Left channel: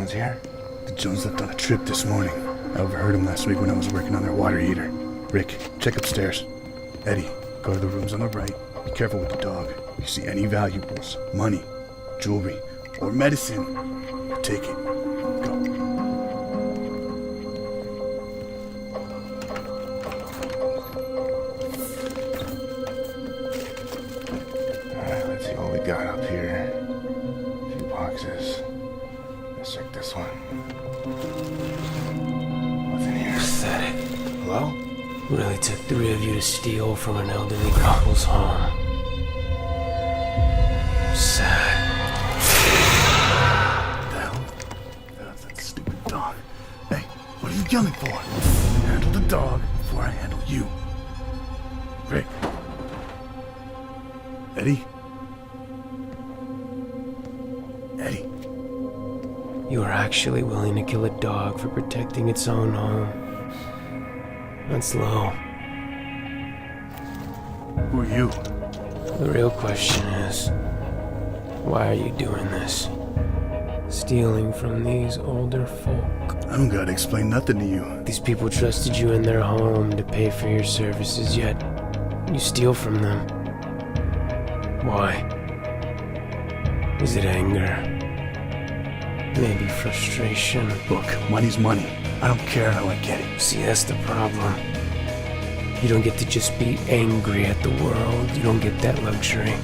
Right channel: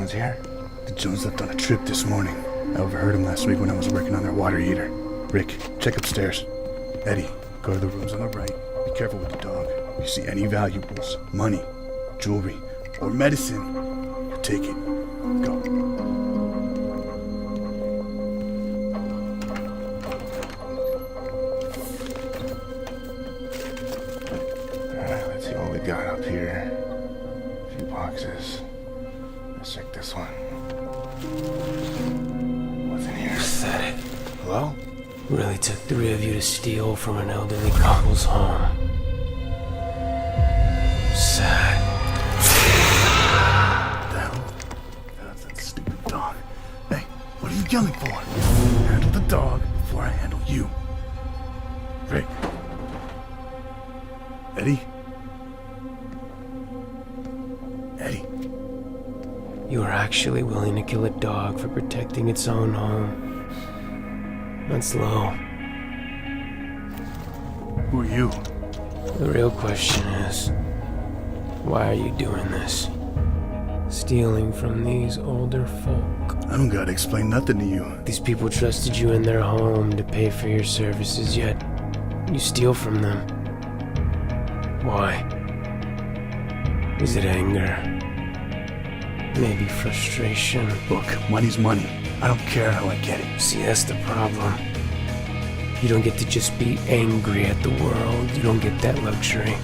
one's here? The Jones left on a trip this morning. I overheard him last week when I was working on their water heater. Rick, check upstairs. Eddie, go to the rooms on the right. Be careful with the dog. If you see any valuables, money, jewelry, or medicine, you take it. Go. Alright, let's see what we got up here. A few boxes. Let's check this one. What's in here? Pathetic. Hello? Really took 3 of you to steal from an elderly couple's home. Sad. What the hell? That's that stupid dog. Hey, what are you yelling for? Handle the dog before I handle you. Rick. Eddie? Eddie. You were actually willing to kill a dog for protecting its own home. That's low. Who are you? The real question is, why are you doing this? Stealing from these older folk. I don't gotta explain nothing to you. These people trusted you in their home to pay for your services, yet you steal from them. Why? Is it anger? Maybe frustration? Look, money's money. I don't care how I get it. See, that's the problem. You don't get to just be angry at the world. You don't get that luxury.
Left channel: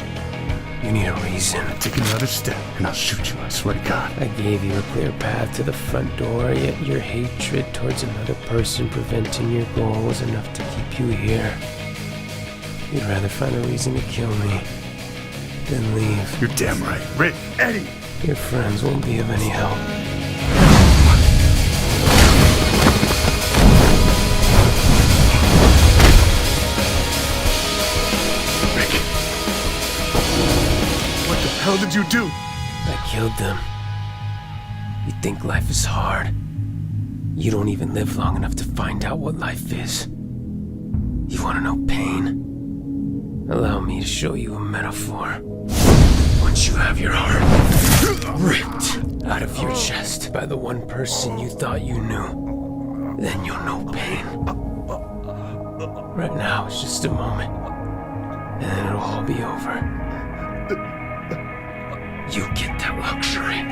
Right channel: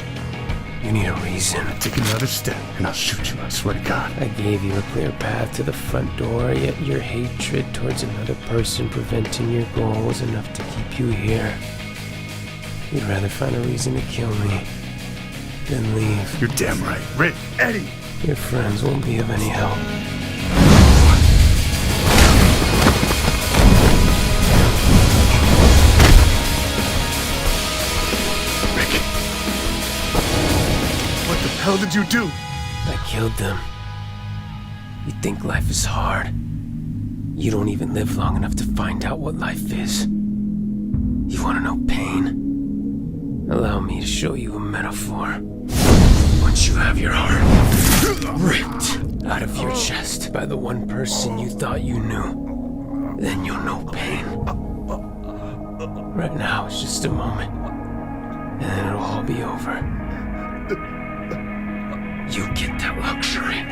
You need a reason. Take another step, and I'll shoot you, I swear to God. I gave you a clear path to the front door, yet your hatred towards another person preventing your goal was enough to keep you here. You'd rather find a reason to kill me than leave. You're damn right. Rick, Eddie! Your friends won't be of any help. Rick! What the hell did you do? I killed them. You think life is hard. You don't even live long enough to find out what life is. You want to know pain? Allow me to show you a metaphor. Once you have your heart ripped out of your chest by the one person you thought you knew, then you'll know pain. Right now, it's just a moment, and then it'll all be over. You get that luxury.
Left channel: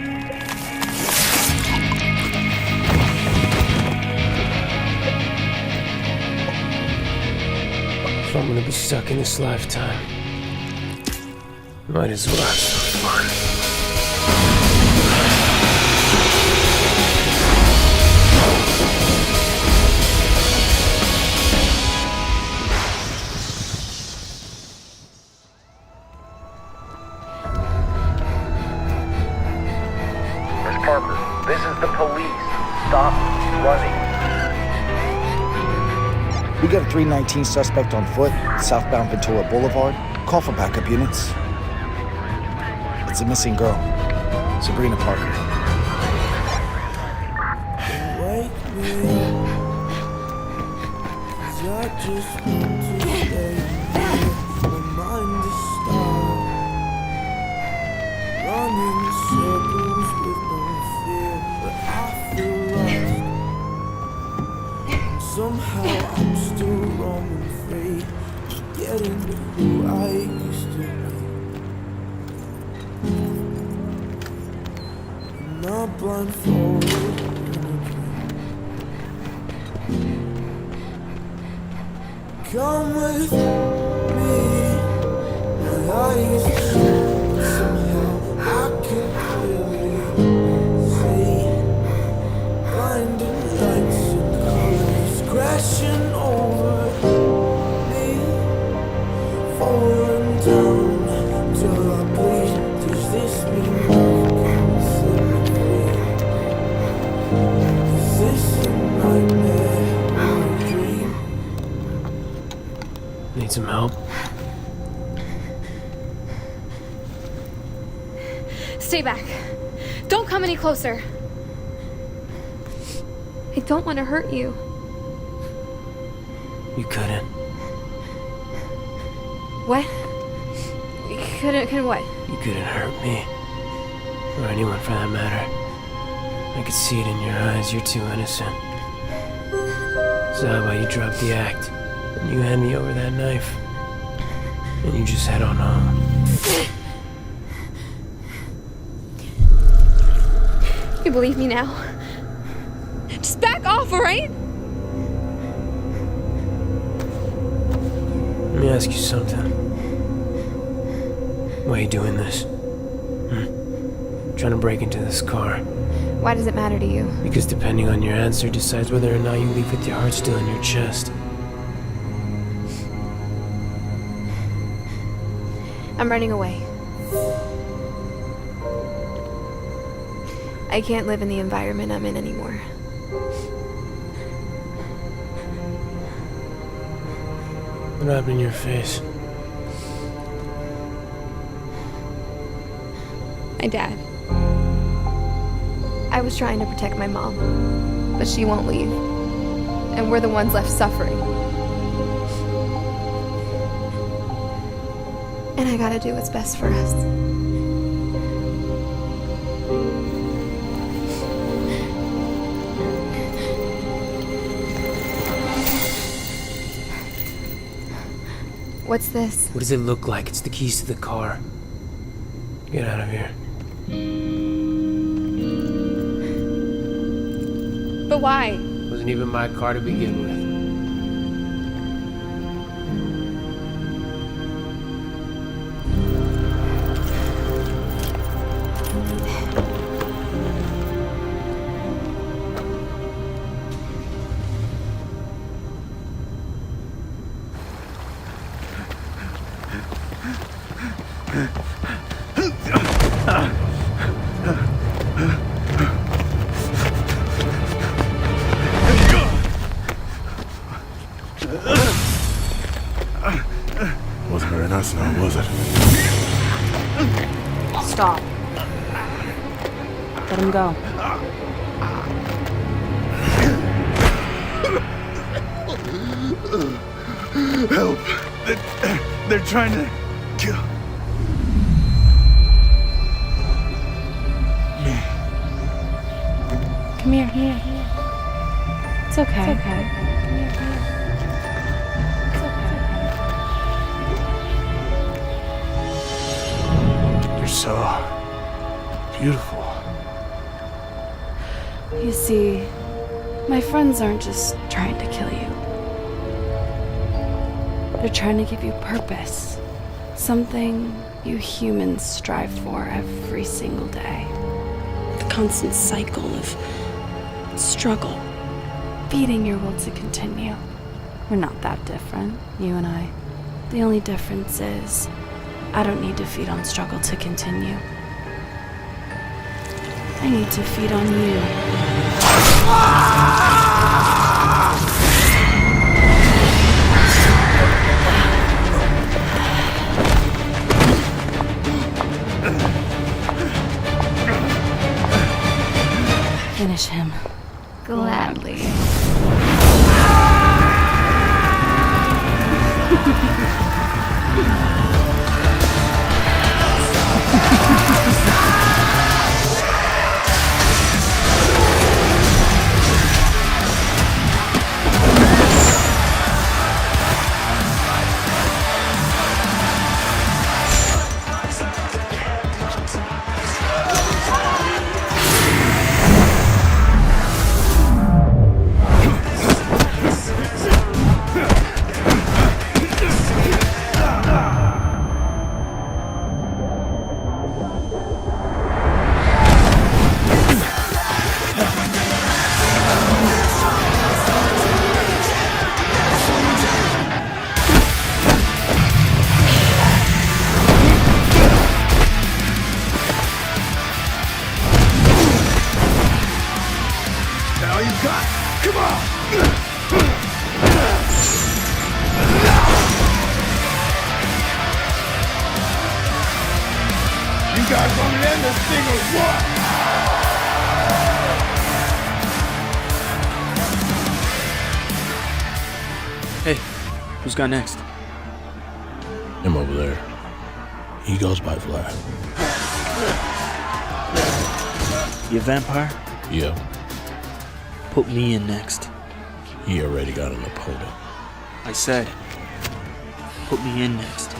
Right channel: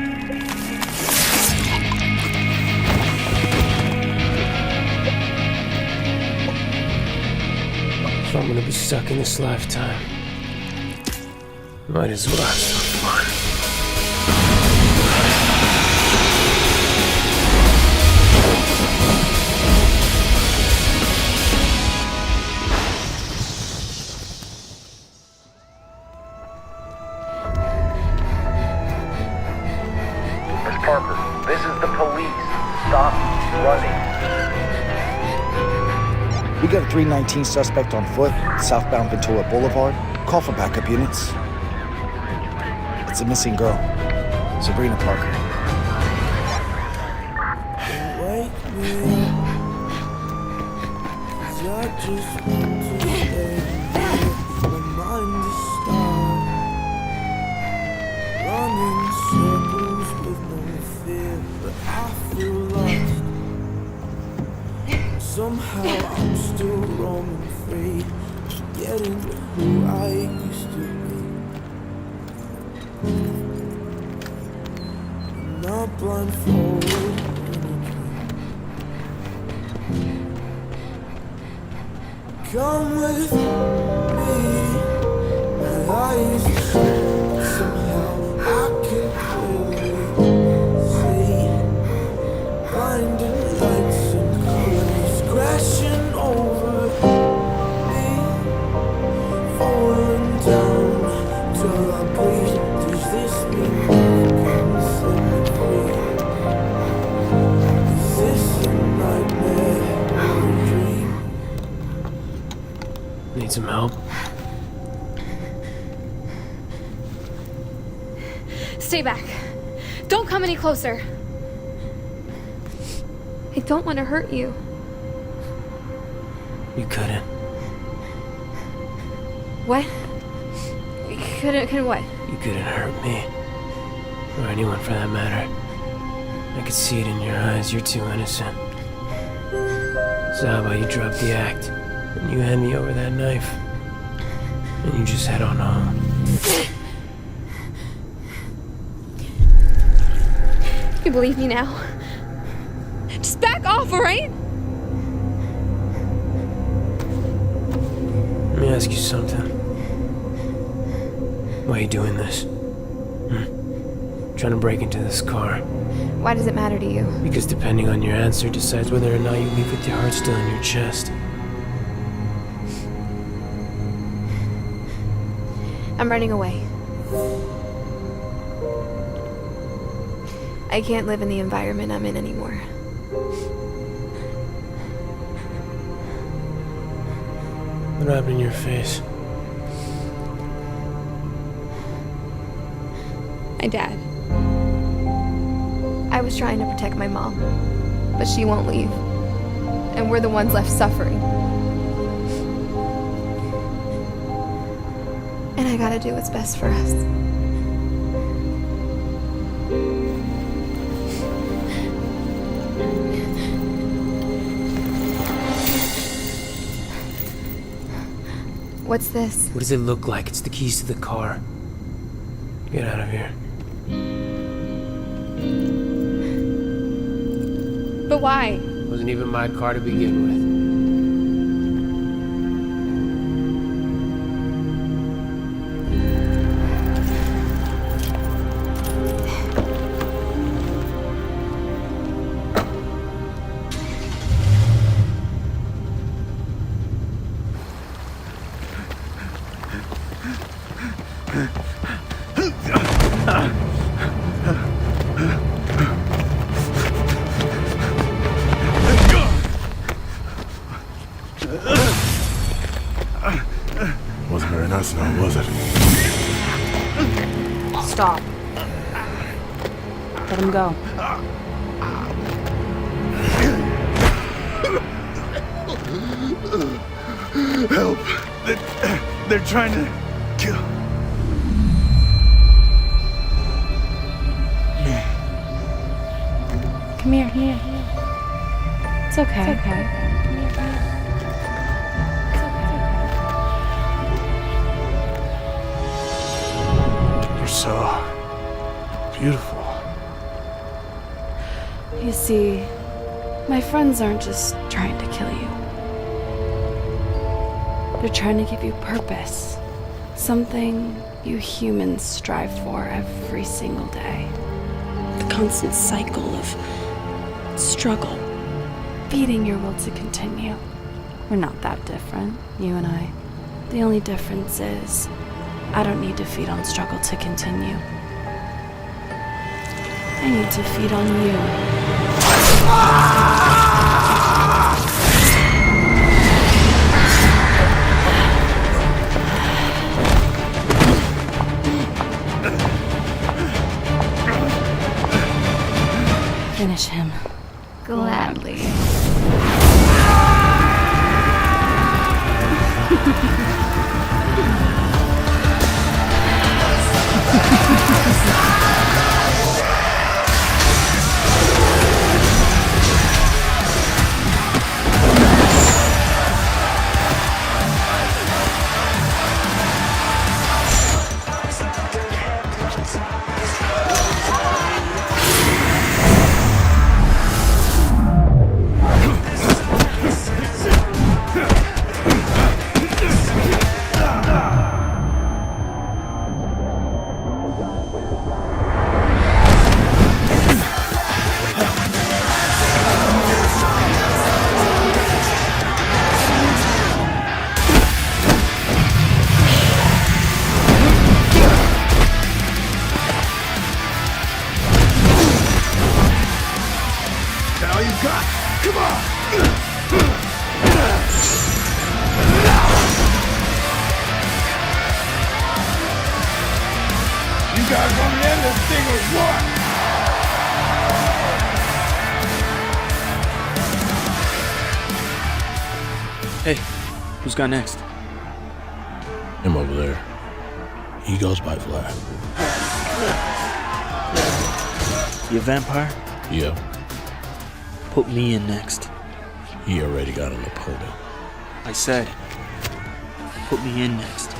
If I'm gonna be stuck in this lifetime, might as well have some fun. Miss Parker, this is the police. Stop running. We got a 319 suspect on foot, southbound Ventura Boulevard. Call for backup units. It's a missing girl, Sabrina Parker. Wake me up, 'cause I just want to stay here. My mind is starved, running circles with no fear, but I feel lost. And somehow I'm still roaming free, forgetting who I used to be. Not blindfolded in a dream. Come with me, my eyes shut. Somehow I can clearly see blinding lights and colors crashing over me, falling down till I bleed. Does this mean love can set me free? Is this a nightmare or a dream? Need some help? Stay back. Don't come any closer. I don't want to hurt you. You couldn't. What? Couldn't what? You couldn't hurt me. Or anyone for that matter. I could see it in your eyes. You're too innocent. So how about you drop the act, and you hand me over that knife, and you just head on home. You believe me now? Just back off, all right? Let me ask you something. Why are you doing this? Trying to break into this car. Why does it matter to you? Because depending on your answer decides whether or not you leave with your heart still in your chest. I'm running away. I can't live in the environment I'm in anymore. What happened in your face? My dad. I was trying to protect my mom, but she won't leave. And we're the ones left suffering. And I gotta do what's best for us. What's this? What does it look like? It's the keys to the car. Get out of here. But why? It wasn't even my car to begin with. Wasn't very nice now, was it? Stop. Let him go. Help! They're trying to kill me. Come here, come here. It's okay. It's okay. Come here, come here. It's okay. You're so beautiful. You see, my friends aren't just trying to kill you. They're trying to give you purpose. Something you humans strive for every single day. The constant cycle of struggle, feeding your will to continue. We're not that different, you and I. The only difference is, I don't need to feed on struggle to continue. I need to feed on you. Finish him. Gladly. Now you got. Come on! You guys gonna end this thing or what? Hey, who's got next? Him over there. He goes by Vlad. You a vampire? Yeah, Put me in next. he already got an opponent. I said, put me in next.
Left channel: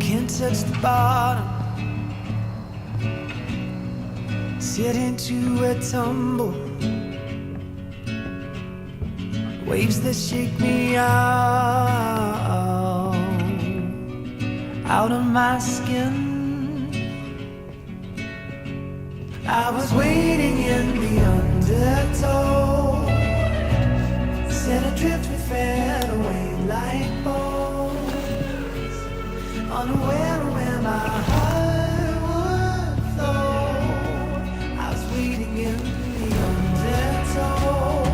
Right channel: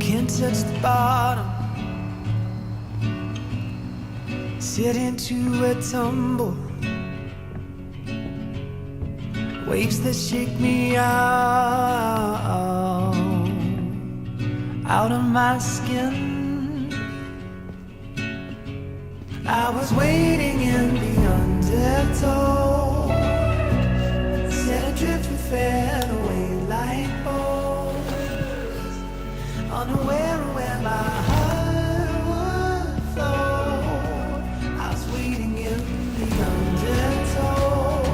Can't touch the bottom. Sit into a tumble. Waves that shake me out of my skin. I was waiting in the undertow, set adrift with fed away like bones, unaware of where my heart would flow. I was waiting in the undertow.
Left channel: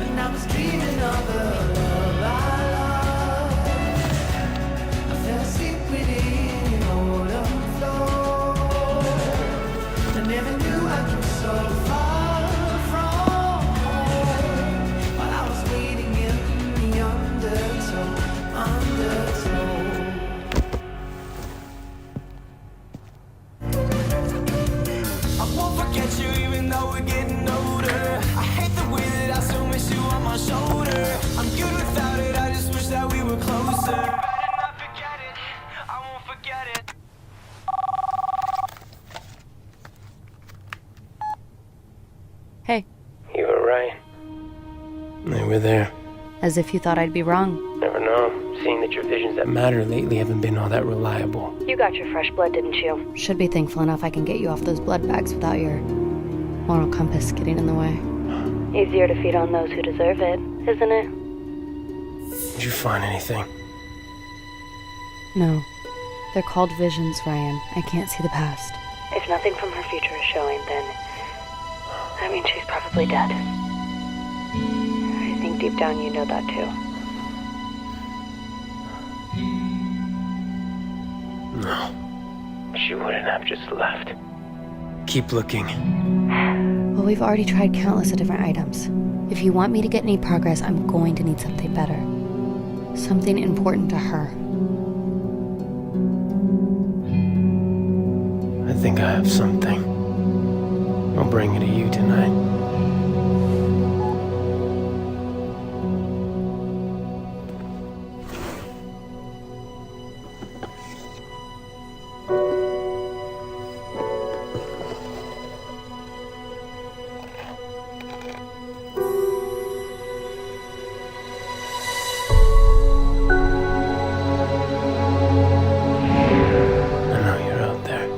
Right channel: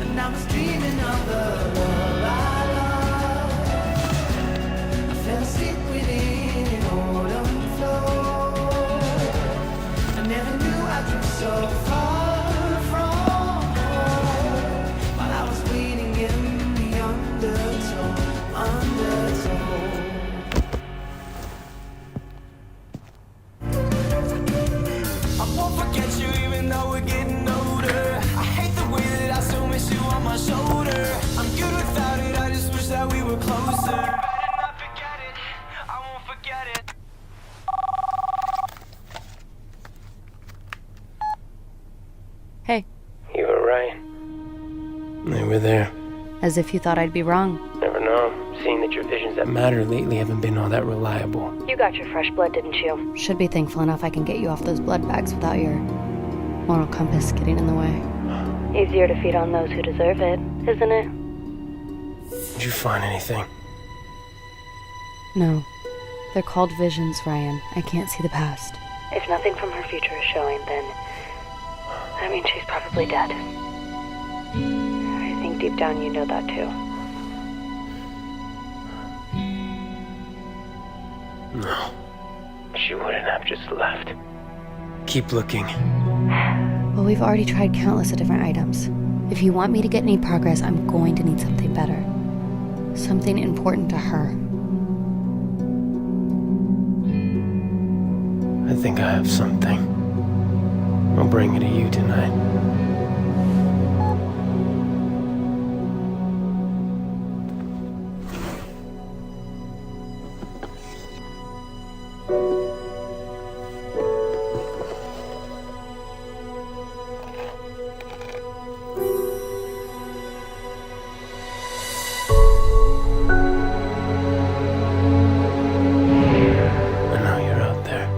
And I was dreaming of a love I loved. I fell asleep within an autumn flow. I never knew I drew so far from home, while I was waiting in the undertow. I won't forget you even though we're getting older. I hate the way that I still miss you on my shoulder. I'm good without it, I just wish that we were closer. Better not forget it, I won't forget it. Hey, You were right. They were there. as if you thought I'd be wrong. Never know. Seeing that your visions that matter lately haven't been all that reliable. You got your fresh blood, didn't you? Should be thankful enough I can get you off those blood bags without your moral compass getting in the way. Easier to feed on those who deserve it, isn't it? Did you find anything? No. They're called visions, Ryan. I can't see the past. If nothing from her future is showing, then that means she's probably dead. I think deep down you know that too. No. She wouldn't have just left. Keep looking. Well, we've already tried countless of different items. If you want me to get any progress, I'm going to need something better. Something important to her. I think I have something. I'll bring it to you tonight. I know you're out there.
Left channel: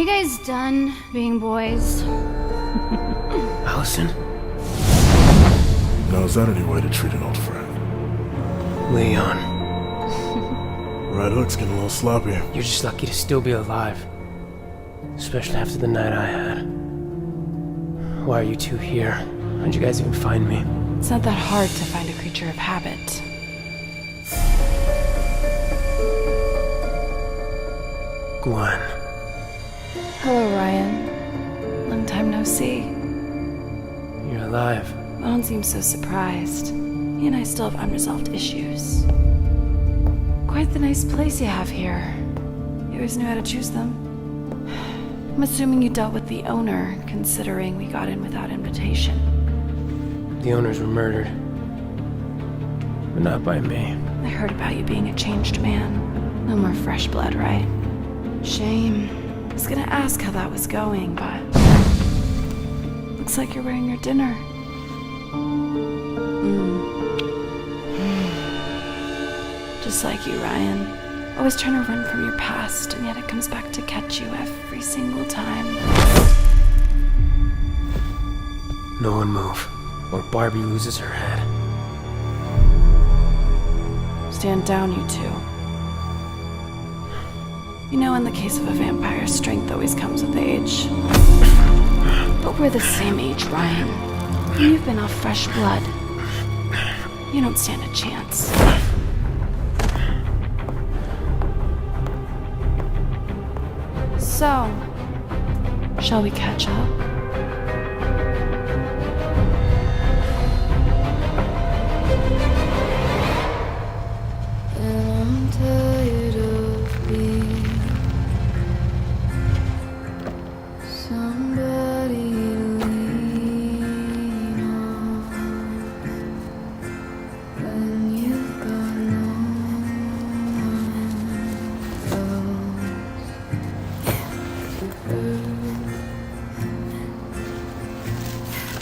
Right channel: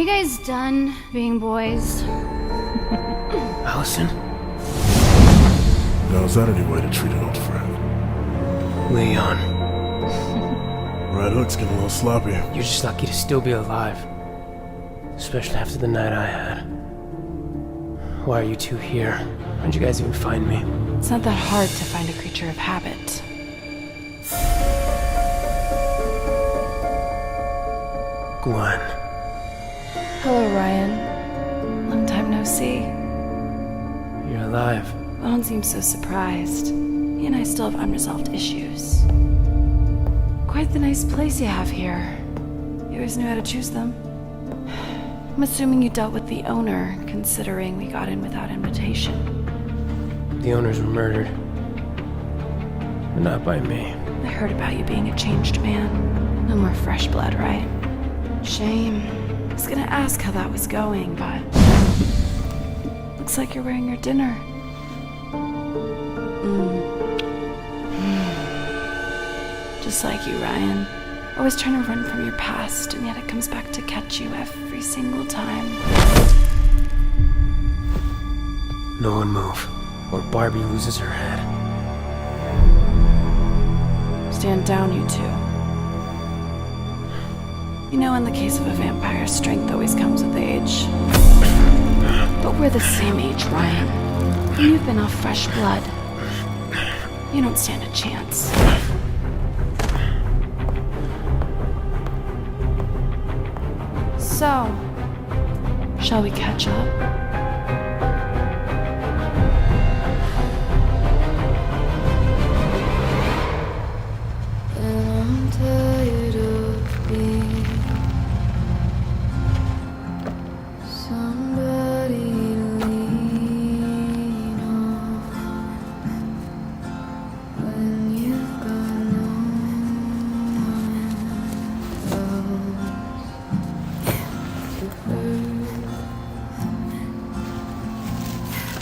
you guys done being boys? Allison? Now, is that any way to treat an old friend? Leon. Right hook's getting a little sloppy. You're just lucky to still be alive. Especially after the night I had. Why are you two here? How'd you guys even find me? It's not that hard to find a creature of habit. Gwen. Hello, Ryan. Long time no see. You're alive. Well, don't seem so surprised. He and I still have unresolved issues. Quite the nice place you have here. You always knew how to choose them. I'm assuming you dealt with the owner, considering we got in without invitation. The owners were murdered. But not by me. I heard about you being a changed man. No more fresh blood, right? Shame. I was gonna ask how that was going, but... Looks like you're wearing your dinner. Just like you, Ryan. Always trying to run from your past, and yet it comes back to catch you every single time. No one move, or Barbie loses her head. Stand down, you two. You know, in the case of a vampire, strength always comes with age. But we're the same age, Ryan. And you've been off fresh blood. You don't stand a chance. So, shall we catch up? And I'm tired of being somebody to lean on when you've got no one else to hurt.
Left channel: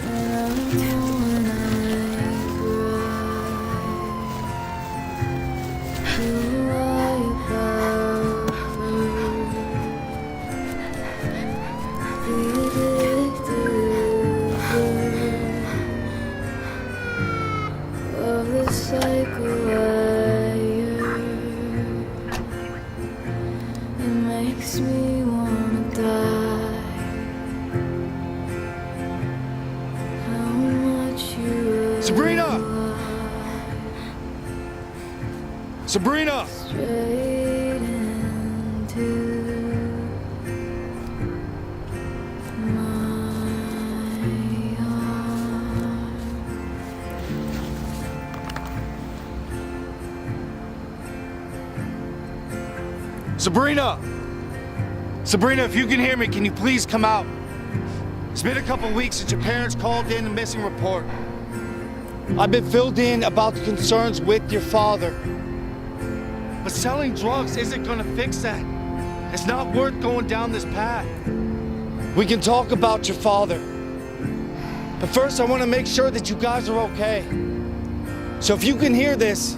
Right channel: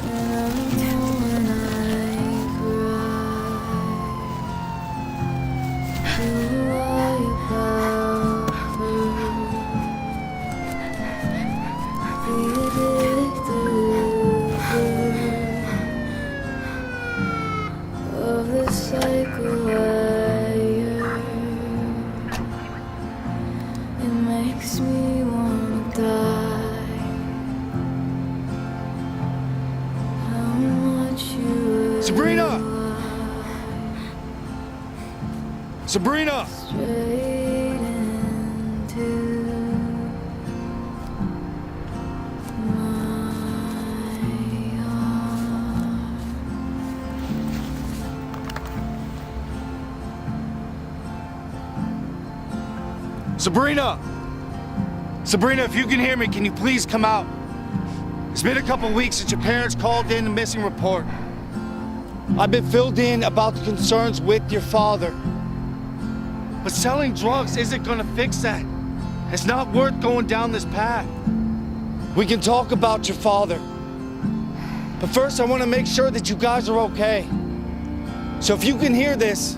And I know when I cry, you lie about her. The addicted of the cycle wire. It makes me wanna die. How much you Sabrina! Sabrina! straight into my arms. Sabrina! Sabrina, if you can hear me, can you please come out? It's been a couple weeks since your parents called in a missing report. I've been filled in about the concerns with your father. But selling drugs isn't gonna fix that. It's not worth going down this path. We can talk about your father. But first, I want to make sure that you guys are okay. So if you can hear this,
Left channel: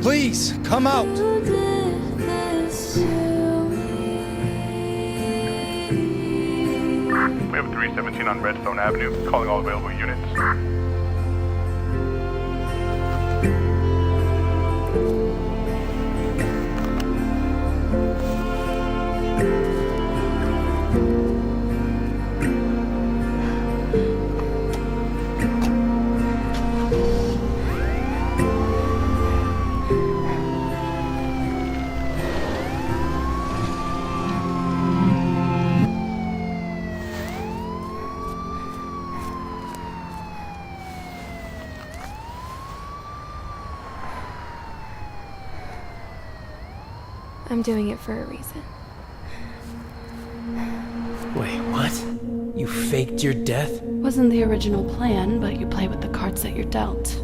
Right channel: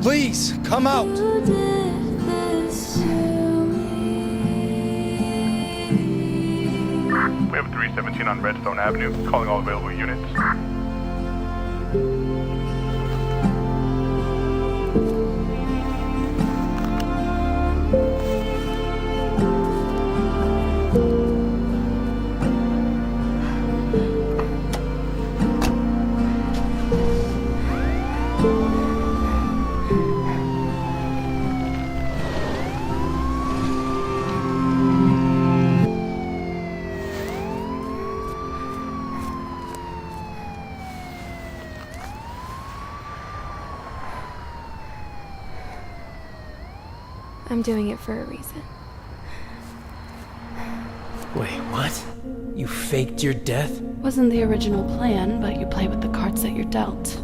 please come out. You did this to me. We have a 317 on Redstone Avenue, calling all available units. I'm doing it for a reason. Wait, what? You faked your death? Wasn't the original plan, but you play with the cards that you're dealt.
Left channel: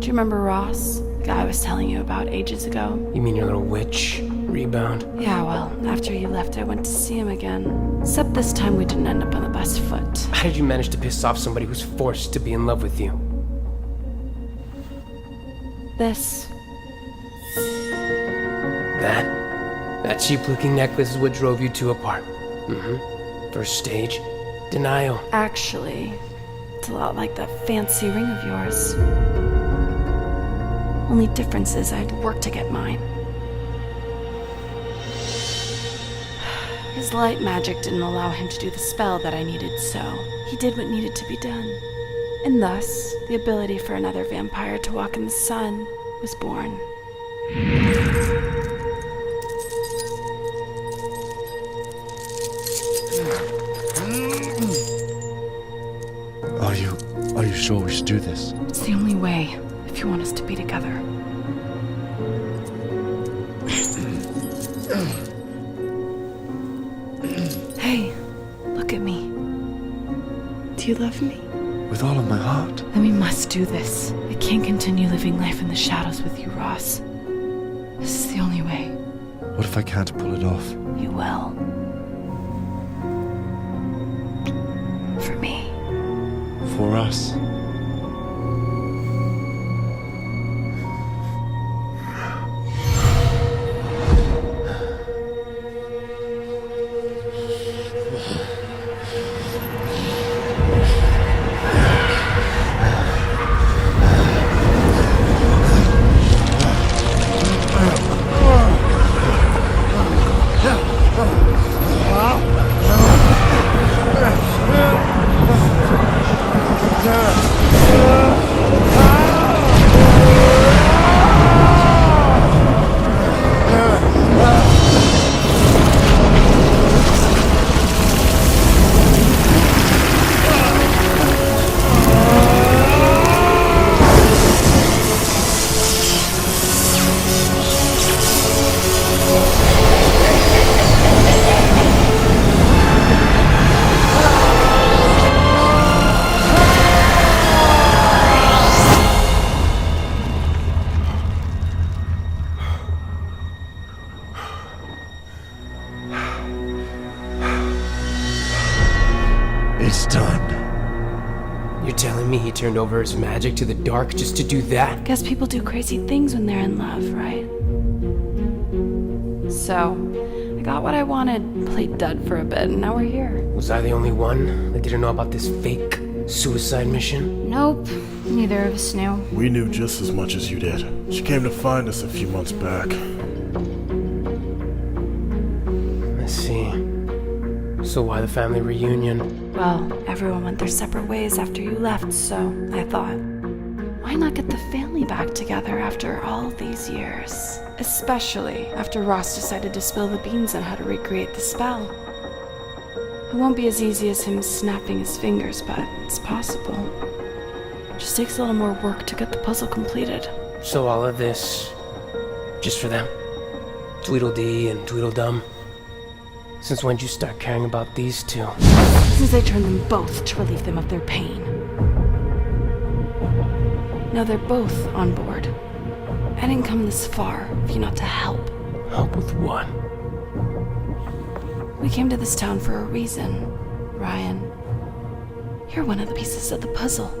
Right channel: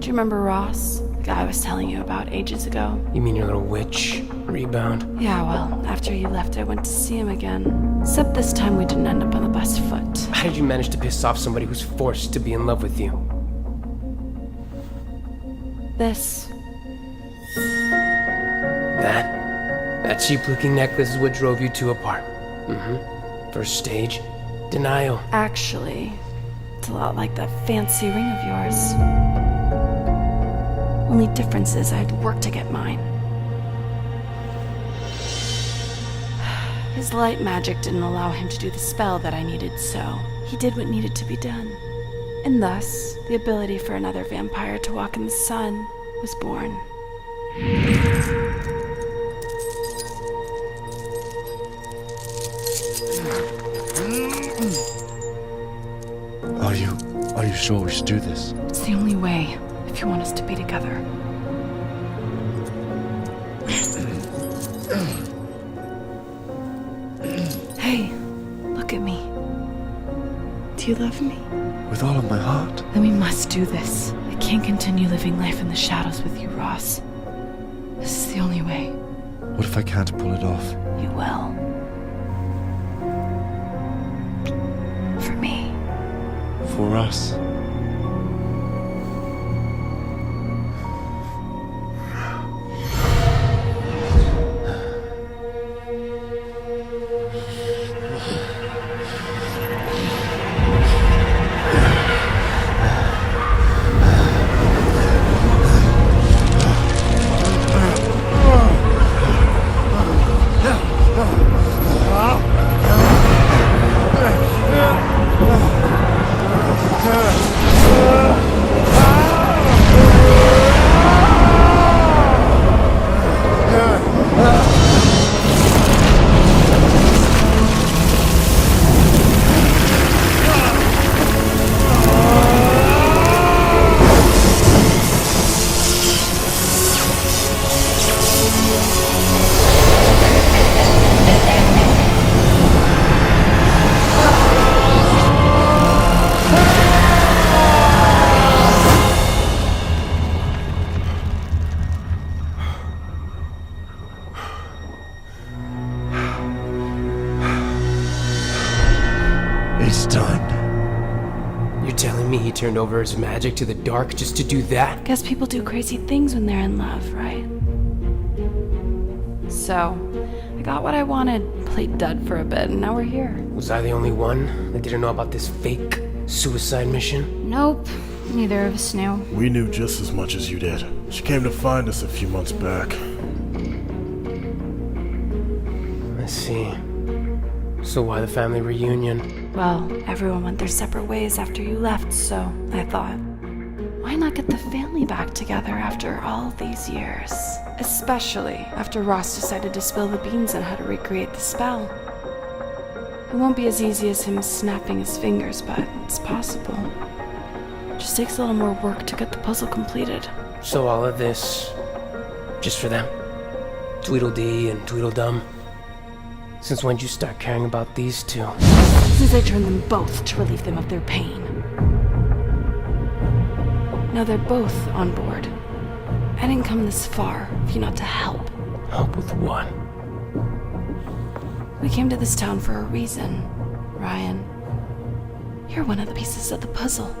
Do you remember Ross? The guy I was telling you about ages ago? You mean your little witch rebound? Yeah, well, after you left, I went to see him again. Except this time we didn't end up on the best foot. How did you manage to piss off somebody who's forced to be in love with you? This. That cheap-looking necklace is what drove you two apart. First stage, denial. Actually, it's a lot like that fancy ring of yours. Only difference is I had to work to get mine. His light magic didn't allow him to do the spell that I needed, so he did what needed to be done. And thus, the ability for another vampire to walk in the sun was born. Are you sure we should do this? It's the only way if you want us to be together. Hey, look at me. Do you love me? With all of my heart. Then we must do this. I can't continue living life in the shadows with you, Ross. This is the only way. What if I can't pull it off? You will. For me. For us. It's done. You're telling me he turned over his magic to the dark just to do that? Guess people do crazy things when they're in love, right? So, I got what I wanted, played dud for a bit, and now we're here. Was I the only one that didn't know about this fake suicide mission? Nope, neither of us knew. We knew just as much as you did. She came to find us a few months back. I see. So why the family reunion? Well, everyone went their separate ways after you left, so I thought, why not get the family back together after all these years? Especially after Ross decided to spill the beans on how to recreate the spell. It won't be as easy as him snapping his fingers, but it's possible. Just takes a little more work to get the puzzle completed. So all of this, just for them? Tweedledee and Tweedledum? Since when'd you start caring about these two? Since I turned them both to relieve them of their pain. Now they're both on board. I didn't come this far if you're not to help. Help with what? We came to this town for a reason, Ryan. You're one of the pieces of the puzzle.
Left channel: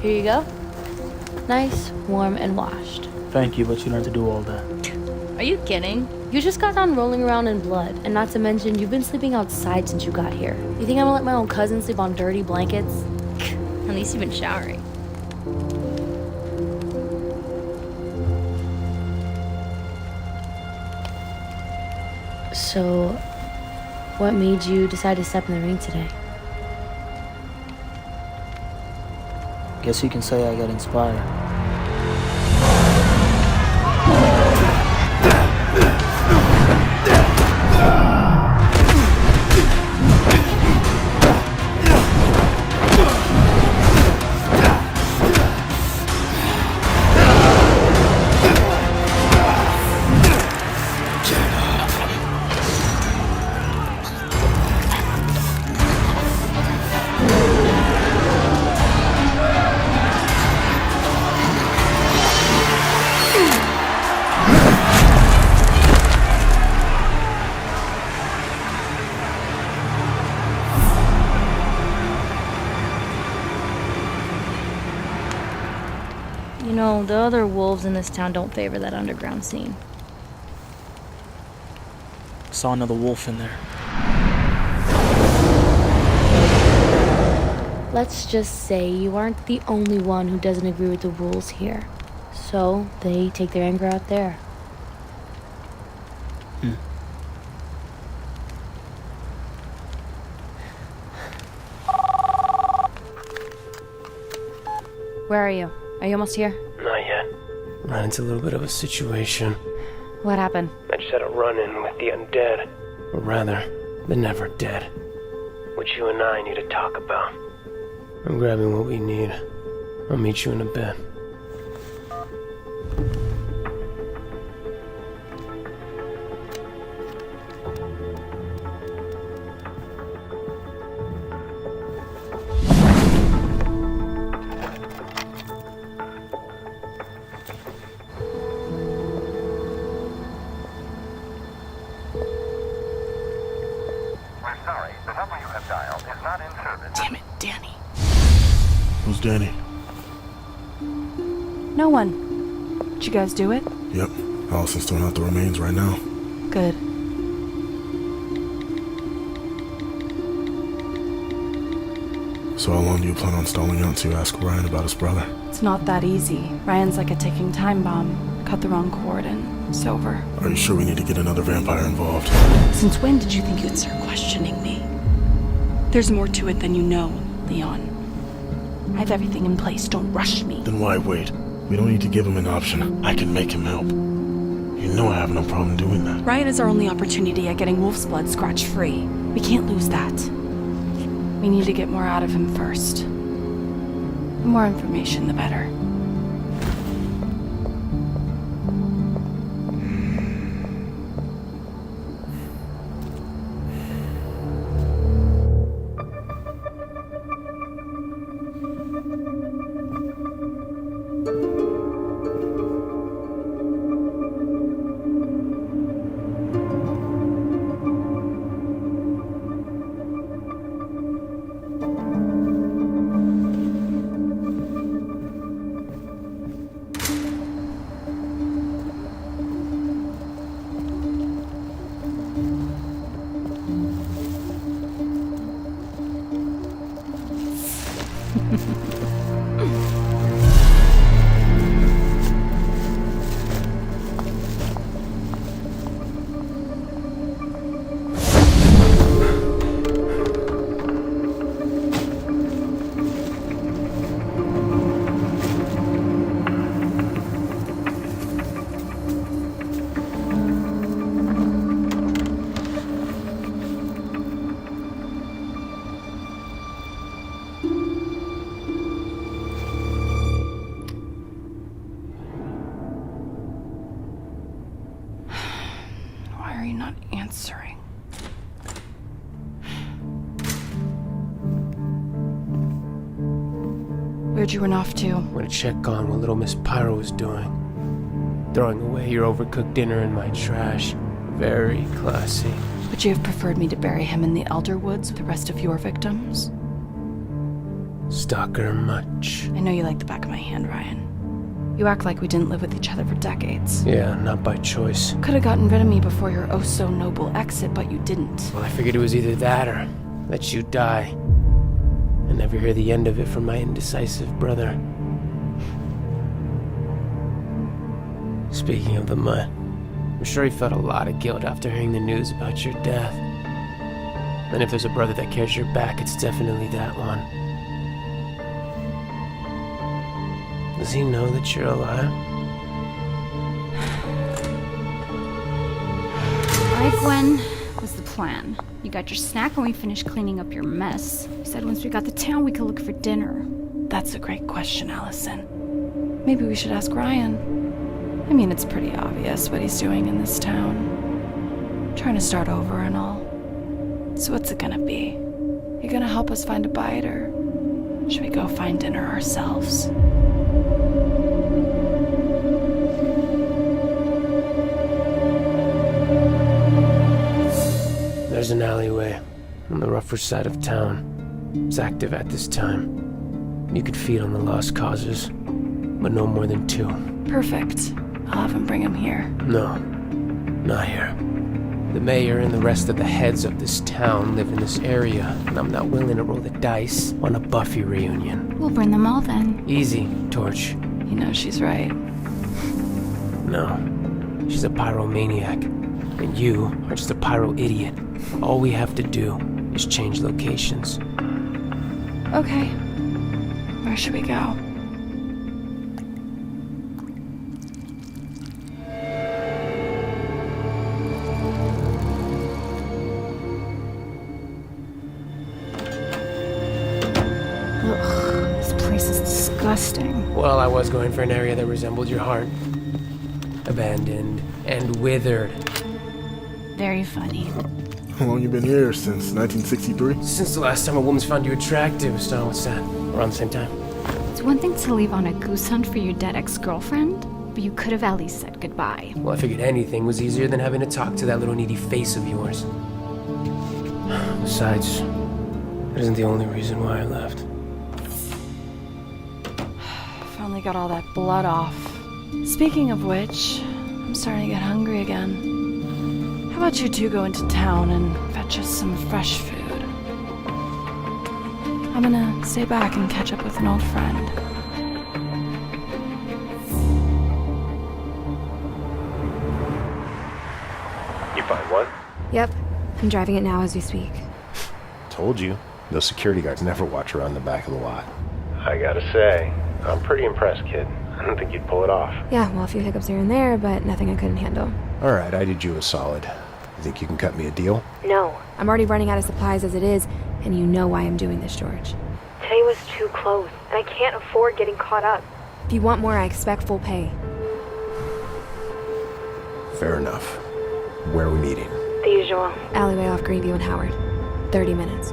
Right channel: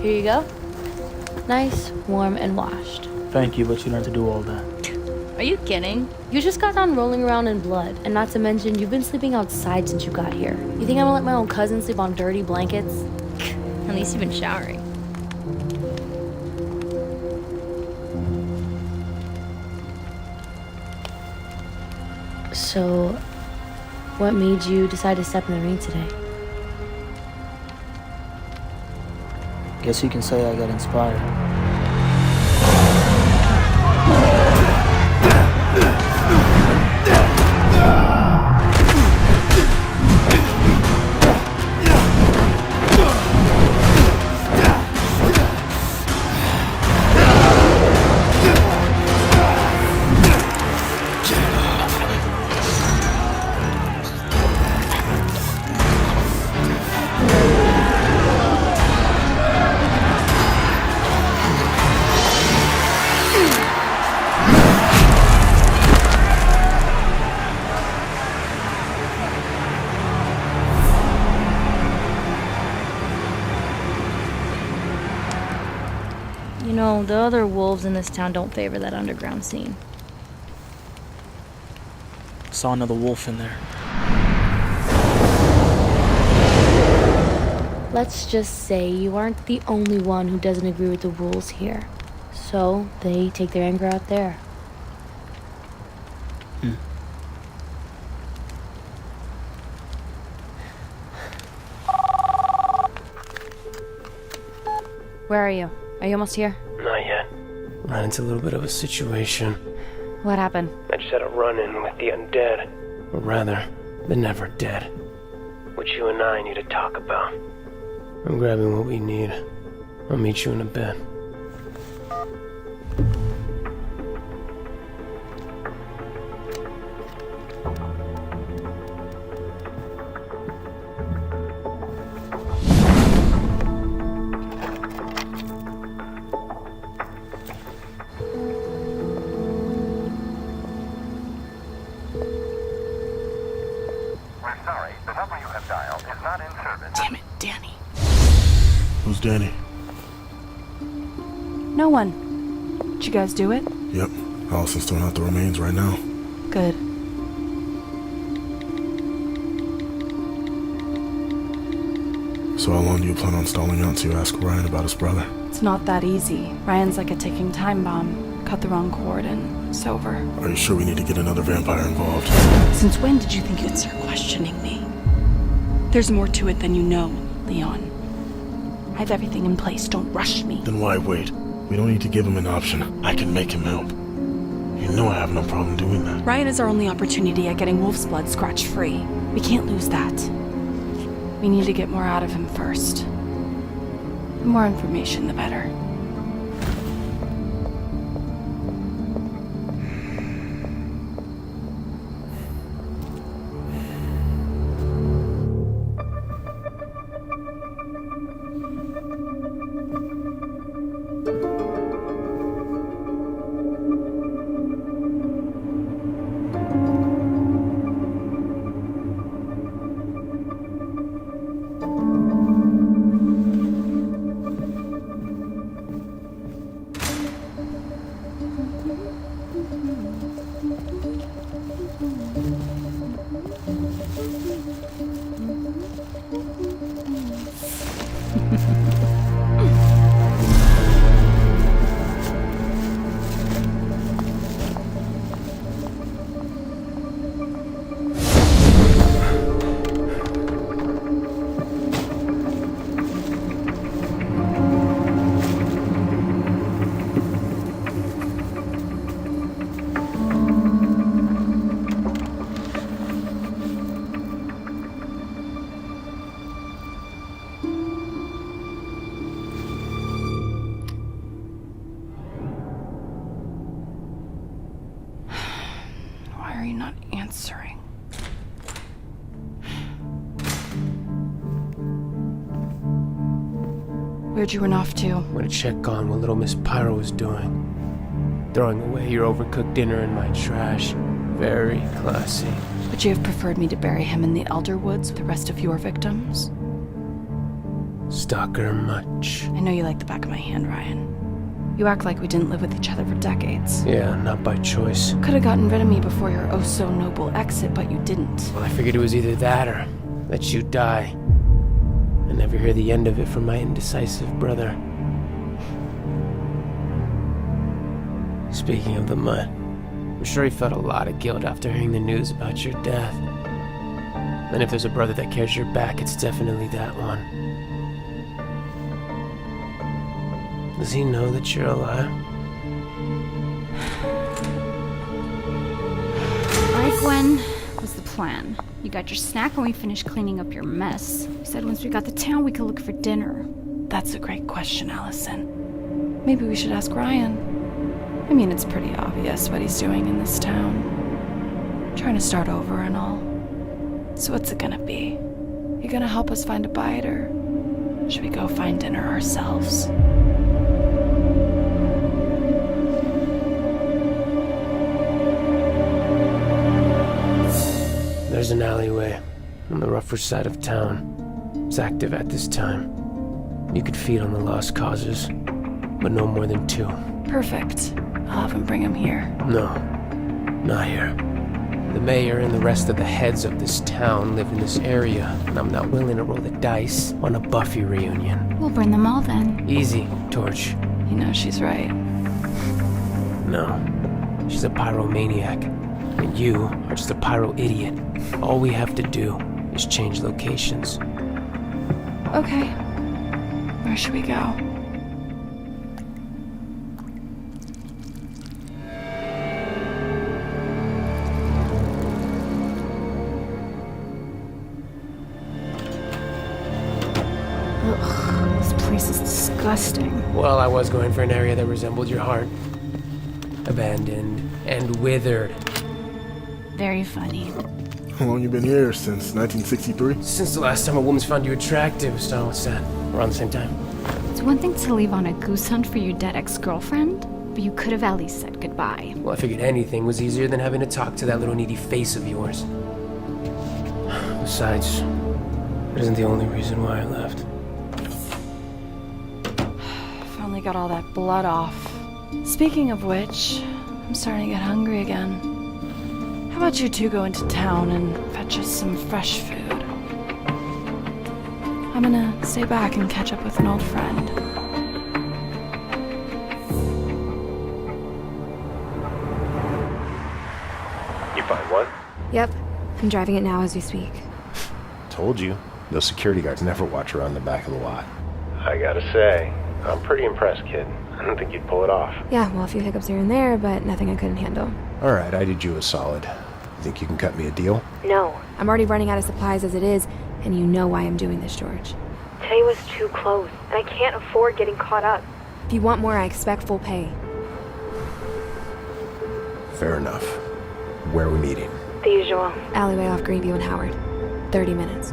Here you go. Nice, warm, and washed. Thank you, but you learned to do all that. Are you kidding? You just got done rolling around in blood, and not to mention, you've been sleeping outside since you got here. You think I'm gonna let my own cousin sleep on dirty blankets? At least you've been showering. So, what made you decide to step in the ring today? Guess you can say I got inspired. You know, the other wolves in this town don't favor that underground scene. Saw another wolf in there. Let's just say you aren't the only one who doesn't agree with the rules here. So they take their anger out there. Where are you? Are you almost here? Not yet. Ran into a little bit of a situation. What happened? I just had a run-in with the undead. Or rather, the never dead. Which you and I need to talk about. I'm grabbing what we need. I'll meet you in a bit. Damn it, Danny. Who's Danny? No one. Did you guys do it? Yep. Allison's throwing out the remains right now. Good. So how long do you plan on stalling out to ask Ryan about his brother? It's not that easy. Ryan's like a ticking time bomb. Cut the wrong cord and it's over. Are you sure we need to get another vampire involved? Since when did you think you'd start questioning me? There's more to it than you know, Leon. I have everything in place. Don't rush me. Then why wait? We don't need to give him an option. I can make him help. You know I have no problem doing that. Ryan is our only opportunity at getting Wolf's blood scratch-free. We can't lose that. We need to get more out of him first. The more information, the better. Why are you not answering? Where'd you run off to? Went to check on what little Miss Pyro was doing. Throwing away your overcooked dinner in my trash. Very classy. Would you have preferred me to bury him in the Elder Woods with the rest of your victims? Stalker much. I know you like the back of my hand, Ryan. You act like we didn't live with each other for decades. Yeah, not by choice. Could have gotten rid of me before your oh-so-noble exit, but you didn't. Well, I figured it was either that or let you die. And never hear the end of it from my indecisive brother. Speaking of the mutt, I'm sure he felt a lot of guilt after hearing the news about your death. And if there's a brother that carries your back, it's definitely that one. Does he know that you're alive? Alright, Gwen. What's the plan? You got your snack when we finish cleaning up your mess. You said once we got to town we could look for dinner. That's a great question, Allison. Maybe we should ask Ryan. I mean, it's pretty obvious what he's doing in this town. Trying to start over and all. So what's it gonna be? You gonna help us find a bite, or should we go find dinner ourselves? There's an alleyway on the rougher side of town. It's active at this time. You could feed on the lost causes. but no more than 2. Perfect. I'll have him bring him here. No, not here. The mayor and the rest of the heads of this town live in this area, and I'm not willing to roll the dice on a Buffy reunion. We'll burn them all then. Easy, Torch. You know she's right. No, she's a pyromaniac, and you are just a pyro idiot. All we have to do is change locations. Okay. Where should we go? Ugh, this place is disgusting. Well, I was going for an area that resembled your heart. Abandoned and withered. Very funny. How long you been here? Since 1963? Since the last time a woman's found you attractive, so what's that? Around the same time? It's one thing to leave on a goose hunt for your dead ex-girlfriend, but you could have at least said goodbye. Well, I figured anything was easier than having to talk to that little needy face of yours. Besides, it isn't the only reason why I left. Finally got all that blood off. Speaking of which, I'm starting to get hungry again. How about you two go into town and fetch us some fresh food? I'm gonna stay back and catch up with an old friend. You find one? Yep, I'm driving it now as we speak. Told you. Those security guards never watch around the back of the lot. I gotta say, I'm pretty impressed, kid. I don't think you'd pull it off. Yeah, well, a few hiccups here and there, but nothing I couldn't handle. Alright, I did you a solid. You think you can cut me a deal? No, I'm already running out of supplies as it is, and you know why I'm doing this, George. Today was too close, and I can't afford getting caught up. If you want more, I expect full pay. Fair enough. Where are we meeting? The usual. Alleyway off Greenview and Howard. 30 minutes.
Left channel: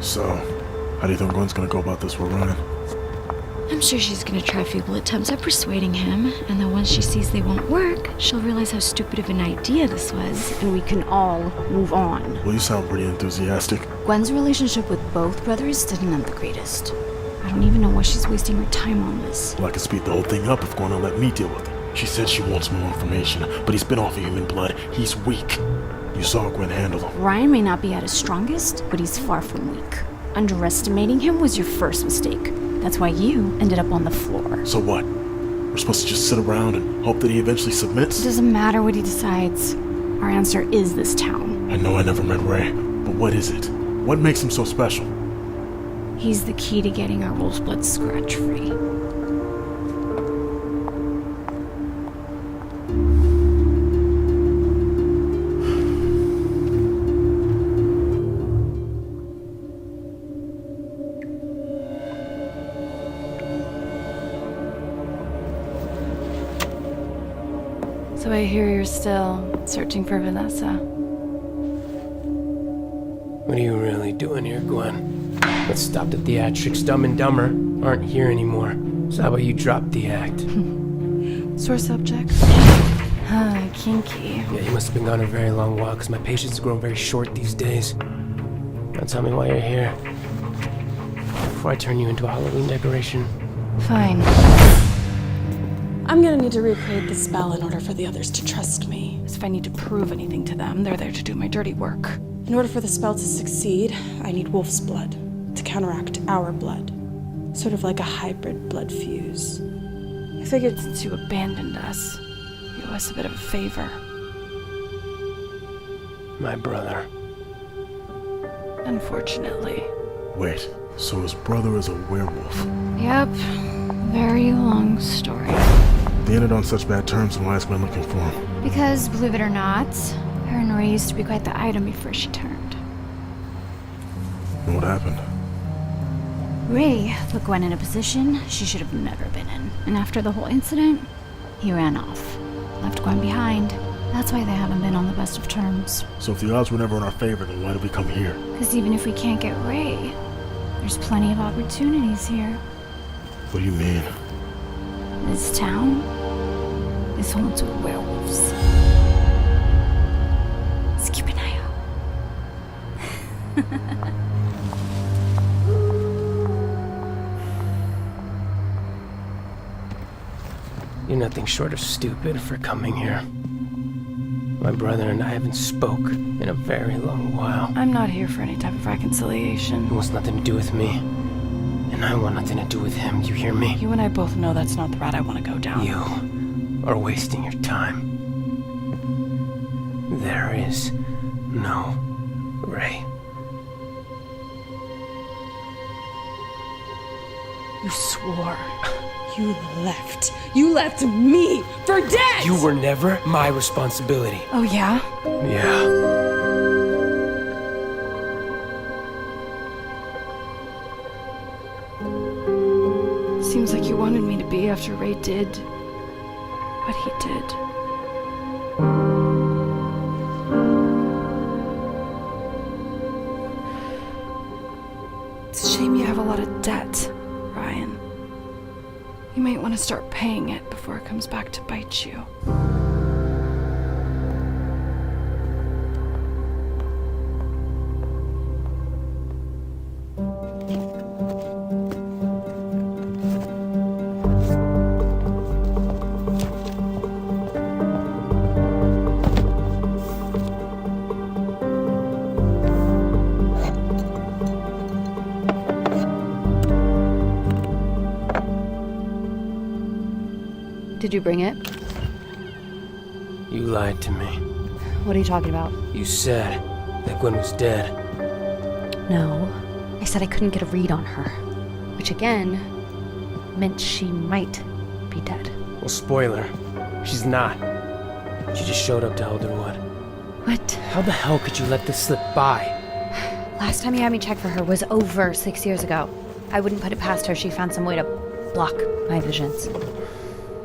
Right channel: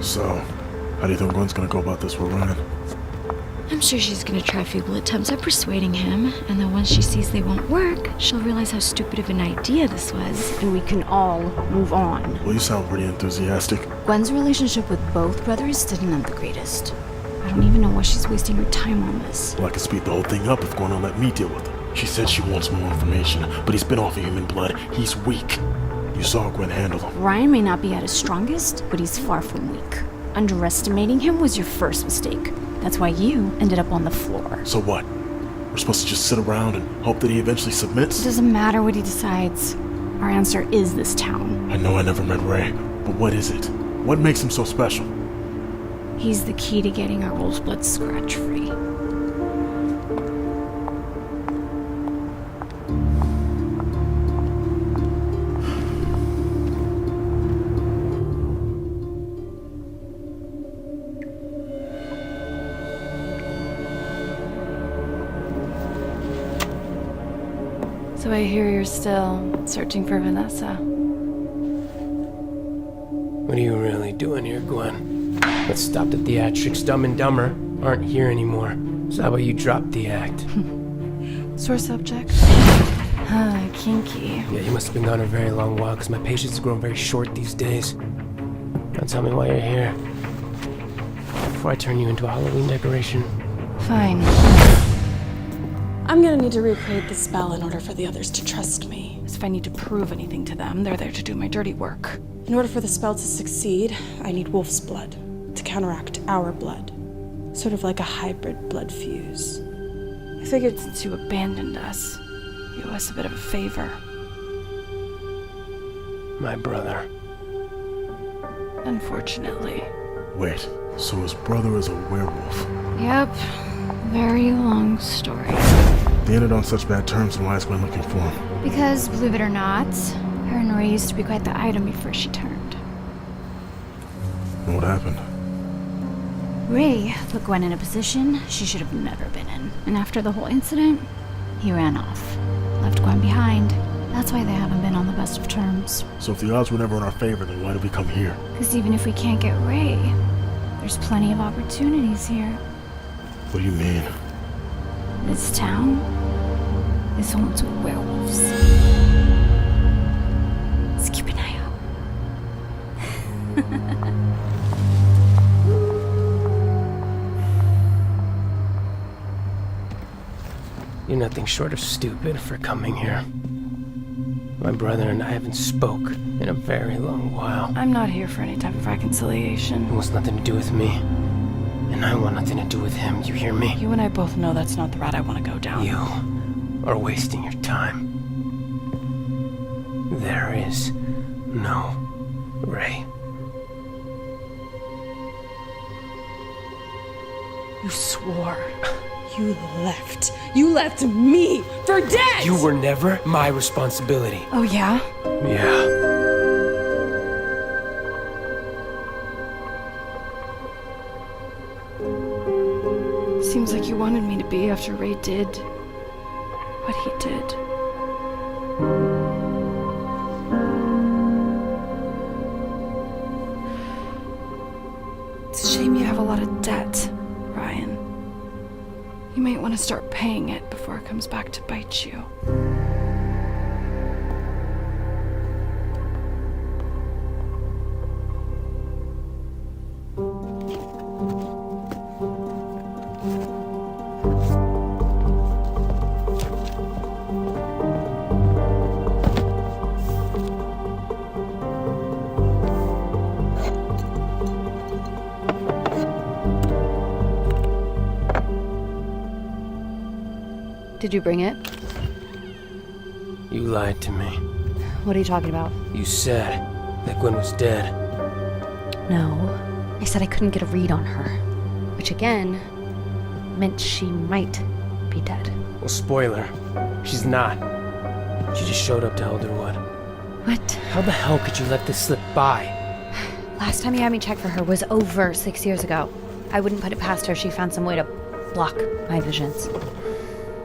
So, how do you think Gwen's gonna go about this we're running? I'm sure she's gonna try feeble attempts at persuading him, and then once she sees they won't work, she'll realize how stupid of an idea this was, and we can all move on. Well, you sound pretty enthusiastic. Gwen's relationship with both brothers didn't end the greatest. I don't even know why she's wasting her time on this. Well, I could speed the whole thing up if Gwen will let me deal with him. She said she wants more information, but he's been off of human blood. He's weak. You saw Gwen handle him. Ryan may not be at his strongest, but he's far from weak. Underestimating him was your first mistake. That's why you ended up on the floor. So what? We're supposed to just sit around and hope that he eventually submits? It doesn't matter what he decides. Our answer is this town. I know I never met Ray, but what is it? What makes him so special? He's the key to getting our wolf's blood scratch-free. So I hear you're still searching for Vanessa. What are you really doing here, Gwen? Let's stop the theatrics. Dumb and Dumber aren't here anymore. So how about you drop the act? Sore subject. Kinky. Yeah, you must have been gone a very long while, because my patience has grown very short these days. Now tell me why you're here. Before I turn you into a Halloween decoration. Fine. I'm gonna need to recreate the spell in order for the others to trust me. So if I need to prove anything to them, they're there to do my dirty work. In order for the spell to succeed, I need wolf's blood to counteract our blood. Sort of like a hybrid blood fuse. I figured since you abandoned us, you owe us a bit of a favor. My brother. Unfortunately. Wait, so his brother is a werewolf? Yep. Very long story. They ended on such bad terms, and why is Gwen looking for him? Because, believe it or not, her and Ray used to be quite the item before she turned. And what happened? Ray put Gwen in a position she should have never been in. And after the whole incident, he ran off. Left Gwen behind. That's why they haven't been on the best of terms. So if the odds were never in our favor, then why did we come here? Because even if we can't get Ray, there's plenty of opportunities here. What do you mean? This town is home to werewolves. So keep an eye out. You're nothing short of stupid for coming here. My brother and I haven't spoke in a very long while. I'm not here for any type of reconciliation. It wants nothing to do with me. And I want nothing to do with him, you hear me? You and I both know that's not the route I want to go down. You are wasting your time. There is no Ray. You swore. You left. You left me for dead! You were never my responsibility. Oh, yeah? Yeah. Seems like you wanted me to be after Ray did what he did. It's a shame you have a lot of debt, Ryan. You might want to start paying it before it comes back to bite you. Did you bring it? You lied to me. What are you talking about? You said that Gwen was dead. No. I said I couldn't get a read on her. Which again meant she might be dead. Well, spoiler. She's not. She just showed up to Elderwood. What? How the hell could you let this slip by? Last time you had me check for her was over 6 years ago. I wouldn't put it past her. She found some way to block my visions.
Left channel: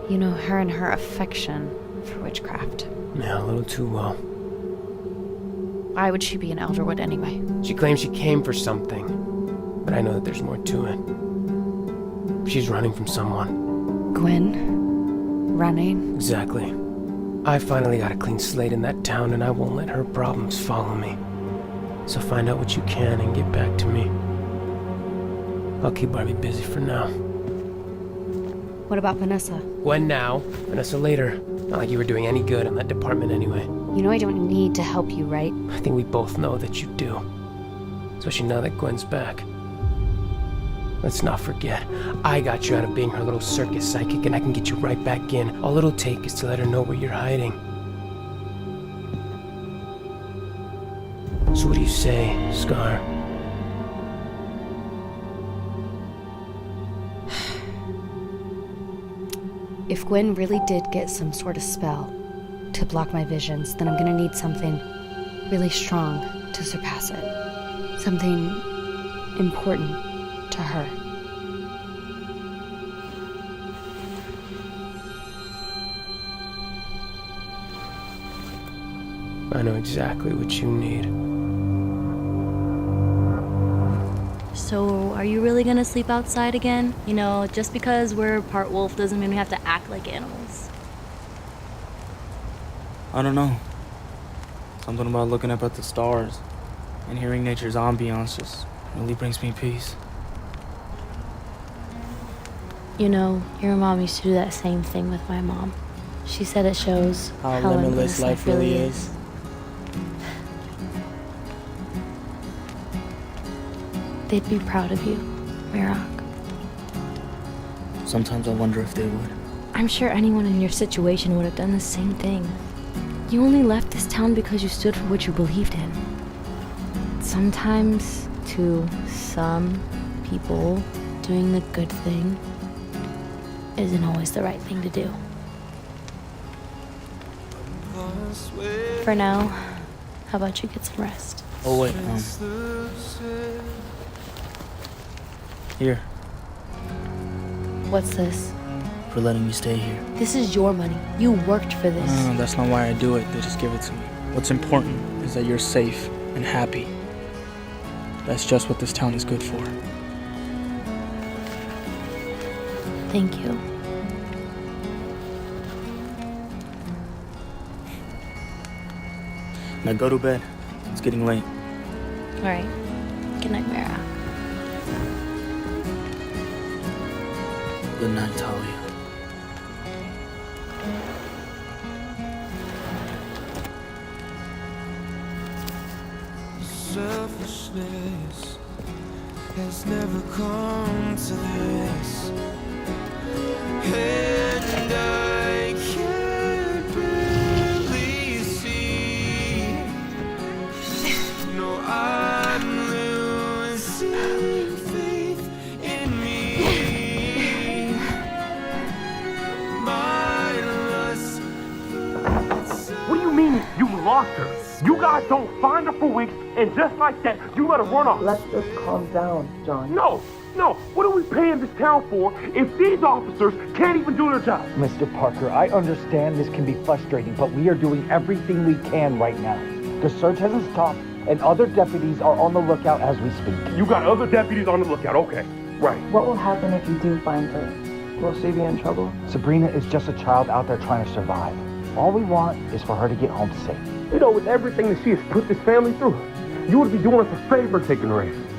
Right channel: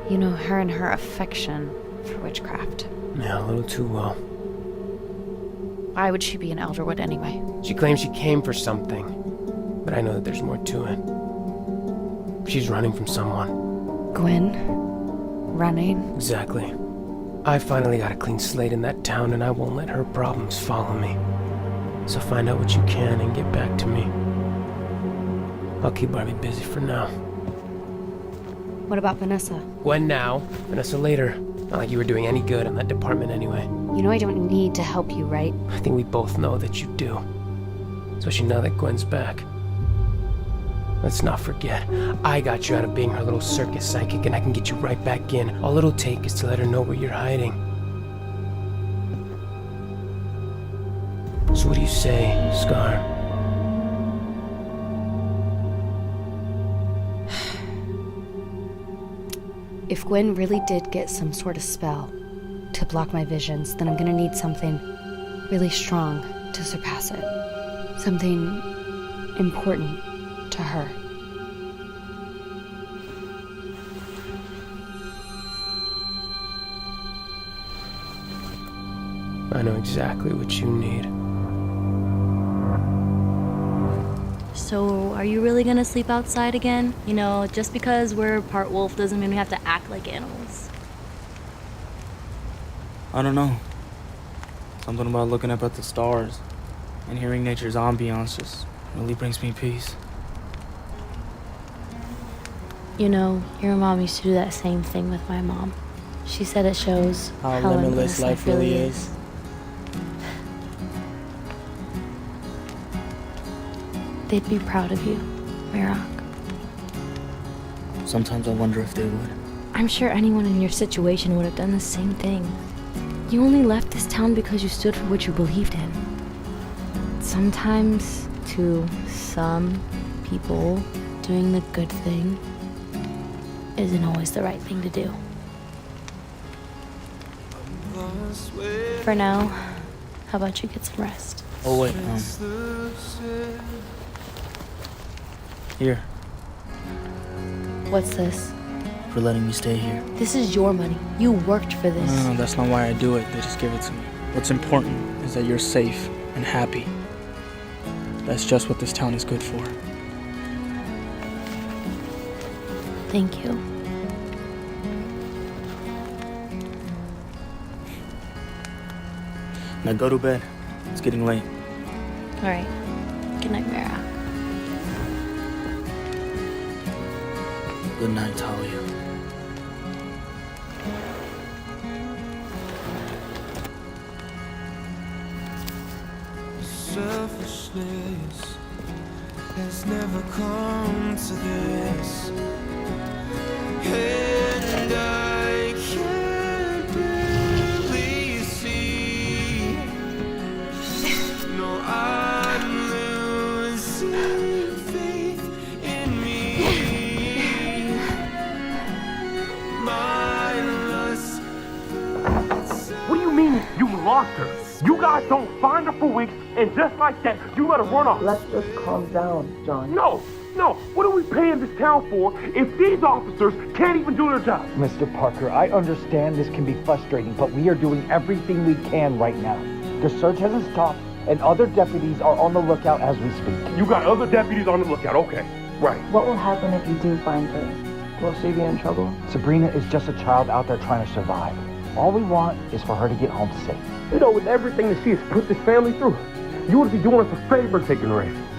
You know, her and her affection for witchcraft. Yeah, a little too well. Why would she be in Elderwood anyway? She claims she came for something, but I know that there's more to it. She's running from someone. Gwen? Running? Exactly. I finally got a clean slate in that town, and I won't let her problems follow me. So find out what you can and get back to me. I'll keep Barbie busy for now. What about Vanessa? Gwen now, Vanessa later. Not like you were doing any good in that department anyway. You know I don't need to help you, right? I think we both know that you do. Especially now that Gwen's back. Let's not forget, I got you out of being her little circus psychic, and I can get you right back in. All it'll take is to let her know where you're hiding. So what do you say, Scar? If Gwen really did get some sort of spell to block my visions, then I'm gonna need something really strong to surpass it. Something important to her. I know exactly what you need. So, are you really gonna sleep outside again? You know, just because we're part wolf doesn't mean we have to act like animals. I don't know. Something about looking up at the stars and hearing nature's ambiance just really brings me peace. You know, your mom used to do that same thing with my mom. She said it shows How how limitless life really is. They'd be proud of you, Mirak. Sometimes I wonder if they would. I'm sure anyone in your situation would have done the same thing. You only left this town because you stood for what you believed in. Sometimes, to some people, doing the good thing isn't always the right thing to do. For now, how about you get some rest? Oh wait, Here, What's this? for letting me stay here. This is your money. You worked for this. No, that's not why I do it. They just give it to me. What's important is that you're safe and happy. That's just what this town is good for. Thank you. Now go to bed. It's getting late. All right. Good night, Mara. Good night, Talia. selfishness has never come to this, and I can't really see. No, I'm losing faith in me. My lust. What do you mean you lost her? You guys don't find her for weeks, and just like that, you let her run off. Let's just calm down, John. No, what are we paying this town for if these officers can't even do their job? Mr. Parker, I understand this can be frustrating, but we are doing everything we can right now. The search hasn't stopped, and other deputies are on the lookout as we speak. You got other deputies on the lookout, okay. Right. What will happen if you do find her? Will she be in trouble? Sabrina is just a child out there trying to survive. All we want is for her to get home safe. You know, with everything that she has put this family through, you would be doing us a favor taking her in.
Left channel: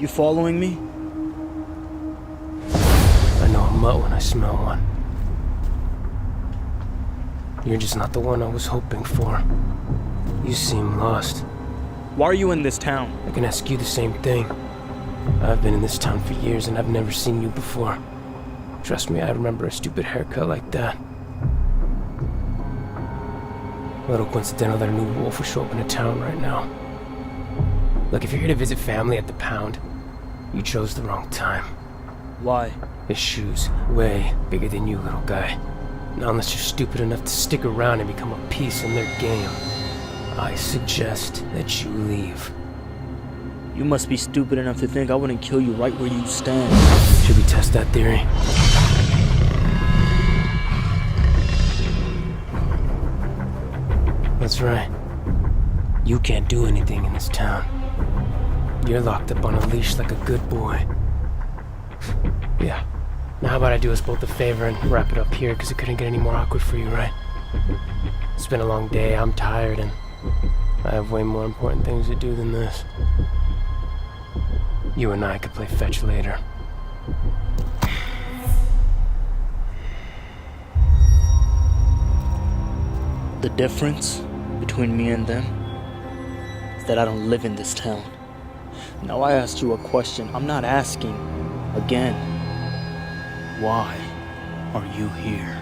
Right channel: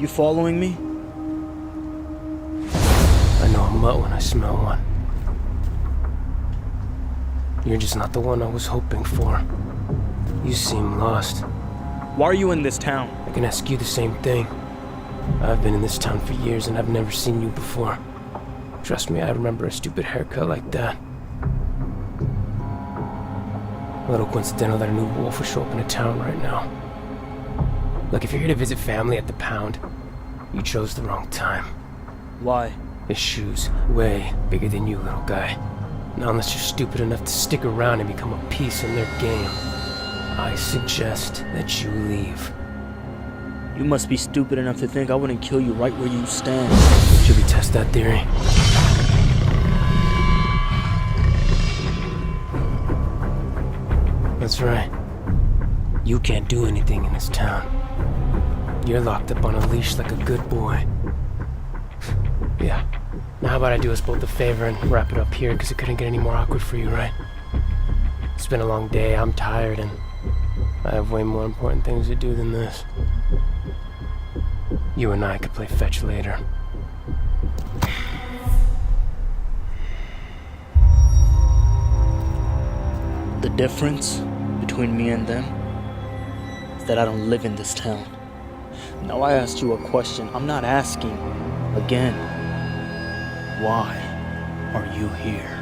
You following me? I know a mutt when I smell one. You're just not the one I was hoping for. You seem lost. Why are you in this town? I can ask you the same thing. I've been in this town for years and I've never seen you before. Trust me, I remember a stupid haircut like that. A little coincidental that a new wolf would show up in a town right now. Look, if you're here to visit family at the pound, you chose the wrong time. Why? His shoes, way bigger than you, little guy. Now, unless you're stupid enough to stick around and become a piece in their game, I suggest that you leave. You must be stupid enough to think I wouldn't kill you right where you stand. Should we test that theory? That's right. You can't do anything in this town. You're locked up on a leash like a good boy. Yeah. Now how about I do us both a favor and wrap it up here, because it couldn't get any more awkward for you, right? It's been a long day, I'm tired, and I have way more important things to do than this. You and I could play fetch later. The difference between me and them is that I don't live in this town. Now I asked you a question. I'm not asking again. Why are you here?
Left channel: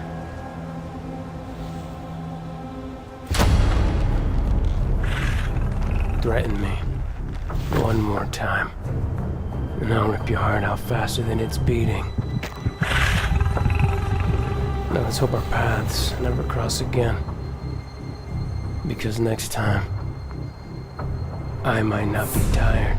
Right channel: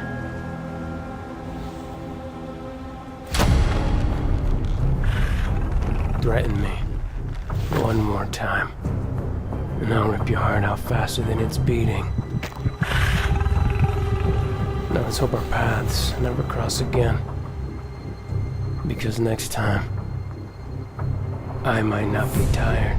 Threaten me one more time, and I'll rip your heart out faster than it's beating. Now let's hope our paths never cross again. Because next time, I might not be tired.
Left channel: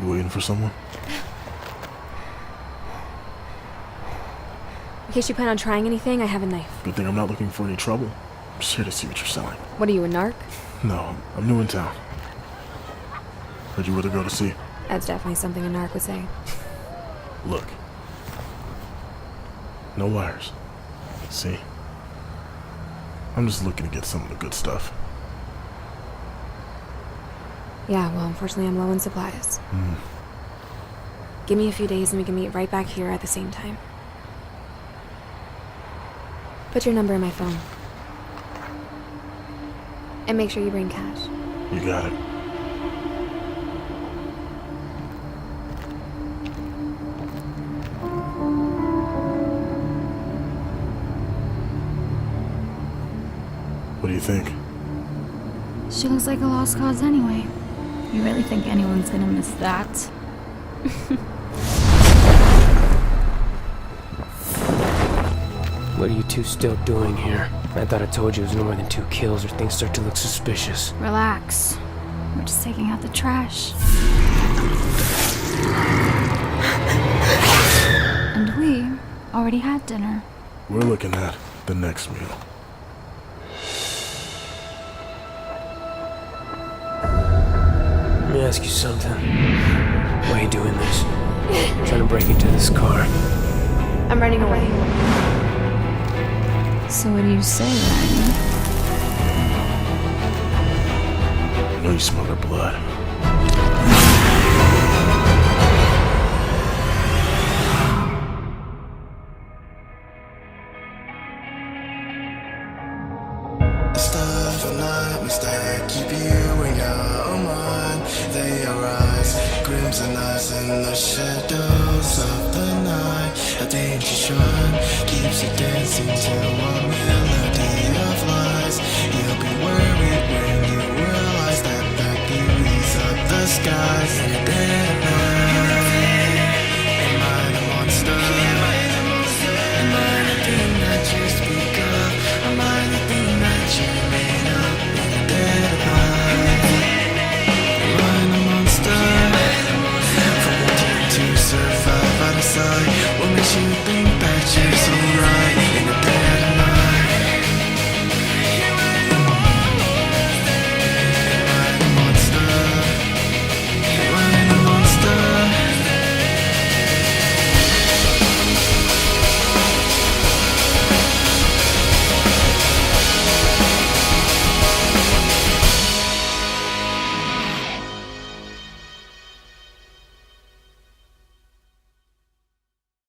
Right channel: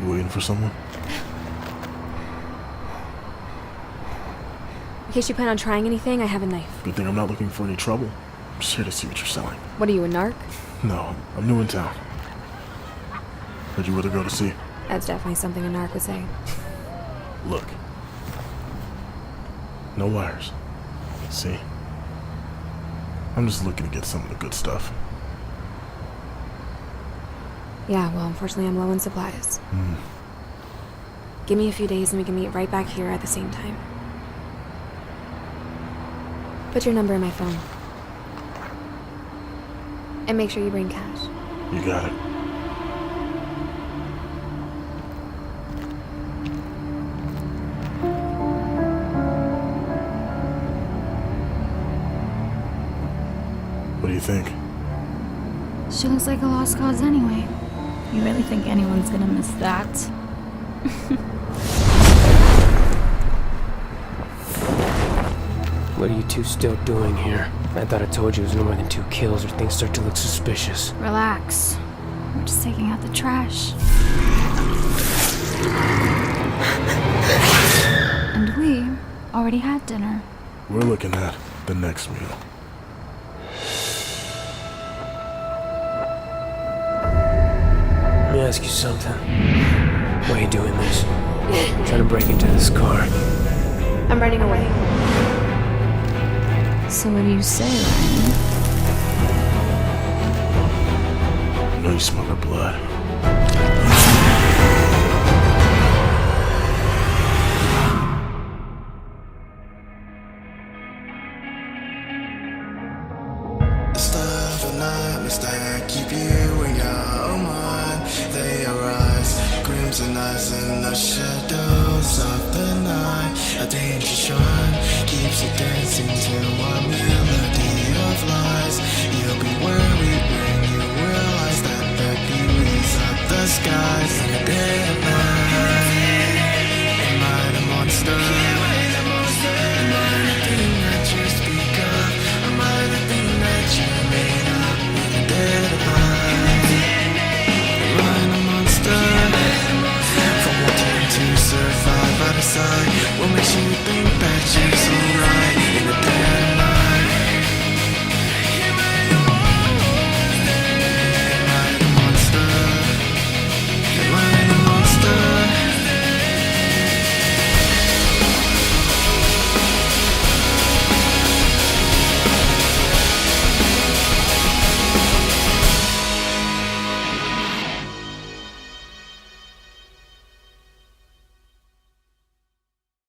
You waiting for someone? In case you plan on trying anything, I have a knife. Good thing I'm not looking for any trouble. I'm just here to see what you're selling. What are you, a narc? No, I'm new in town. Where'd you with her go to see? That's definitely something a narc would say. Look. No wires. See? I'm just looking to get some of the good stuff. Yeah, well, unfortunately I'm low on supplies. Give me a few days and we can meet right back here at the same time. Put your number in my phone. And make sure you bring cash. You got it. What do you think? She looks like a lost cause anyway. You really think anyone's gonna miss that? What are you two still doing here? I thought I told you it was no more than 2 kills or things start to look suspicious. Relax. We're just taking out the trash. And we already had dinner. We're looking at the next meal. Let me ask you something. Why are you doing this? Trying to break into this car. I'm running away. So what do you say, Ryan? I know you smell her blood. Stuff and nightmares that keep you in your mind. They arise, crimson eyes in the shadows of the night. A danger shrine keeps you dancing to a melody of lies. You'll be worried when you realize that the beauties of the skies and the